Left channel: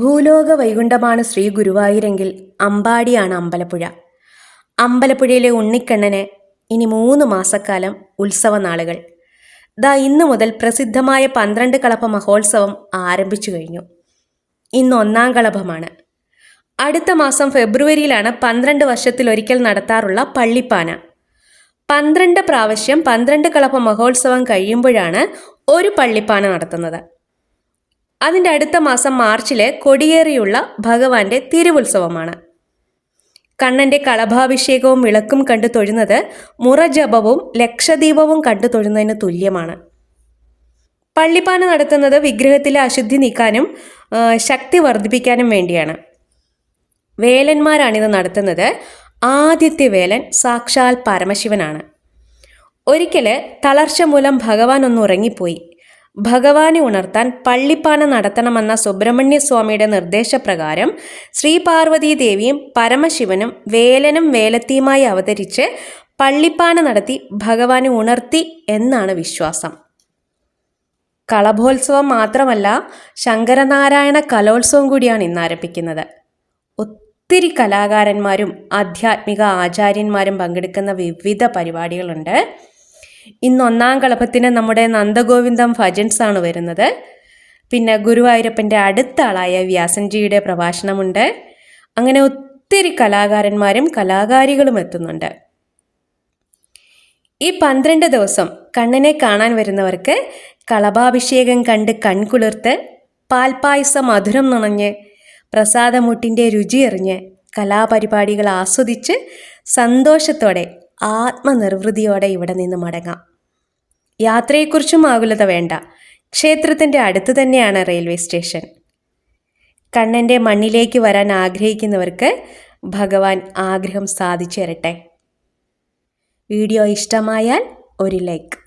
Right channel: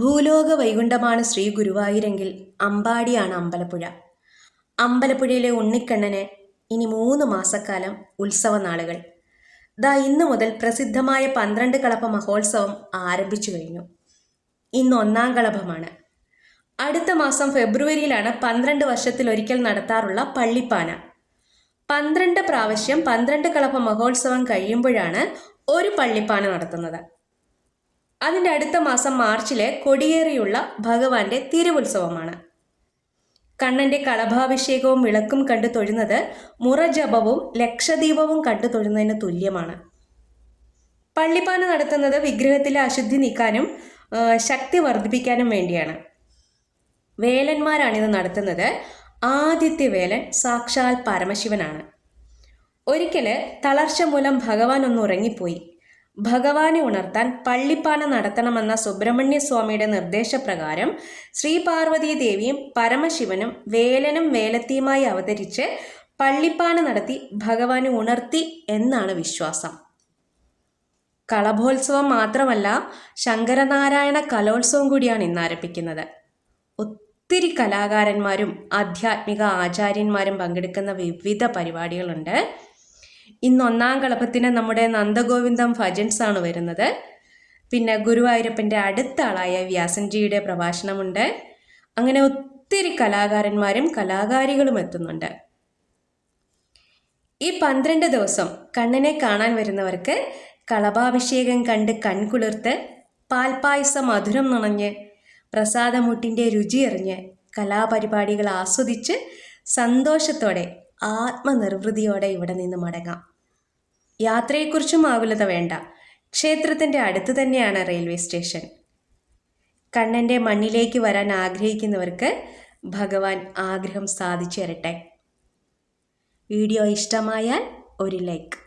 ഭൂലോക വൈകുണ്ഠമാണ് ശ്രീ ഗുരുവായൂരെങ്കിൽ അമ്പാടിയാണ് അമ്പലപ്പുഴ. അമ്പലപ്പുഴയിലെ ഉണ്ണിക്കണ്ണന് ഇനി മൂന്ന് മാസക്കാലം ഉത്സവ നാളുകൾ ദാ ഇന്നു മുതൽ പ്രസിദ്ധമായ പന്ത്രണ്ട് കളഭ മഹോത്സവം ആരംഭിച്ചു കഴിഞ്ഞു. ഇന്ന് ഒന്നാം കളഭമാണ്. അടുത്ത മാസം ഫെബ്രുവരിയിലാണ് പന്ത്രണ്ട് വർഷത്തിലൊരിക്കൽ നടത്താറുള്ള പള്ളിപ്പാന. പന്ത്രണ്ട് പ്രാവശ്യം പന്ത്രണ്ട് കളഭ മഹോത്സവം കഴിയുമ്പോഴാണ് ഒരു പള്ളിപ്പാന നടത്തുന്നത്. അതിന്റെ അടുത്ത മാസം മാർച്ചിലെ കൊടിയേറിയുള്ള ഭഗവാന്റെ തിരുവുത്സവമാണ്. കണ്ണന്റെ കളഭാഭിഷേകവും വിളക്കും കണ്ടു തൊഴുന്നത് മുറജപവും ലക്ഷദീപവും കണ്ടു തൊഴുന്നതിന് തുല്യമാണ്. പള്ളിപ്പാന നടത്തുന്നത് വിഗ്രഹത്തിലെ അശുദ്ധി നീക്കാനും ശക്തി വർദ്ധിപ്പിക്കാനും വേണ്ടിയാണ്. വേലന്മാരാണിത് നടത്തുന്നത്. ആദ്യത്തെ വേലൻ സാക്ഷാൽ പരമശിവനാണ്. ഒരിക്കൽ തളർച്ച മൂലം ഭഗവാൻ ഒന്ന് ഉറങ്ങിപ്പോയി. ഭഗവാനെ ഉണർത്താൻ പള്ളിപ്പാന നടത്തണമെന്ന സുബ്രഹ്മണ്യ സ്വാമിയുടെ നിർദ്ദേശപ്രകാരം ശ്രീ പാർവതീ ദേവിയും പരമശിവനും വേലനും വേലത്തിയുമായി അവതരിച്ച് പള്ളിപ്പാന നടത്തി ഭഗവാനെ ഉണർത്തി എന്നാണ് വിശ്വാസം. കളഭോത്സവം മാത്രമല്ല ശങ്കരനാരായണ കലോത്സവം കൂടിയാണ് ഇന്ന് ആരംഭിക്കുന്നത്. ഒത്തിരി കലാകാരന്മാരും ആധ്യാത്മിക ആചാര്യന്മാരും പങ്കെടുക്കുന്ന വിവിധ പരിപാടികളുണ്ട്. ഇന്ന് ഒന്നാം കളഭത്തിന് നമ്മുടെ നന്ദഗോവിന്ദം ഭജൻസ് ആണ് വരുന്നത്. പിന്നെ ഗുരുവായൂരപ്പന്റെ അടുത്ത ആളായ വ്യാസൻജിയുടെ പ്രഭാഷണമുണ്ട്. അങ്ങനെ ഒത്തിരി കലാകാരന്മാരും കലാകാരികളും എത്തുന്നുണ്ട്. ഈ പന്ത്രണ്ട് ദിവസം കണ്ണനെ കാണാൻ വരുന്നവർക്ക് കളഭാഭിഷേകം കണ്ട് കൺകുളിർത്ത് പാൽപായസം മധുരം നുണഞ്ഞ് പ്രസാദമുട്ടിന്റെ രുചിയെറിഞ്ഞ് കലാപരിപാടികൾ ആസ്വദിച്ച് സന്തോഷത്തോടെ ആത്മനിർവൃതിയോടെ ഇവിടെ നിന്ന് മടങ്ങാം. യാത്രയെക്കുറിച്ചും ആകുലത വേണ്ട. ക്ഷേത്രത്തിന്റെ അടുത്ത് തന്നെയാണ് റെയിൽവേ സ്റ്റേഷൻ. കണ്ണന്റെ മണ്ണിലേക്ക് വരാൻ ആഗ്രഹിക്കുന്നവർക്ക് ഭഗവാൻ ആഗ്രഹം സാധിച്ചു തരട്ടെ വീഡിയോ ഇഷ്ടമായാൽ ഒരു ലൈക്ക്.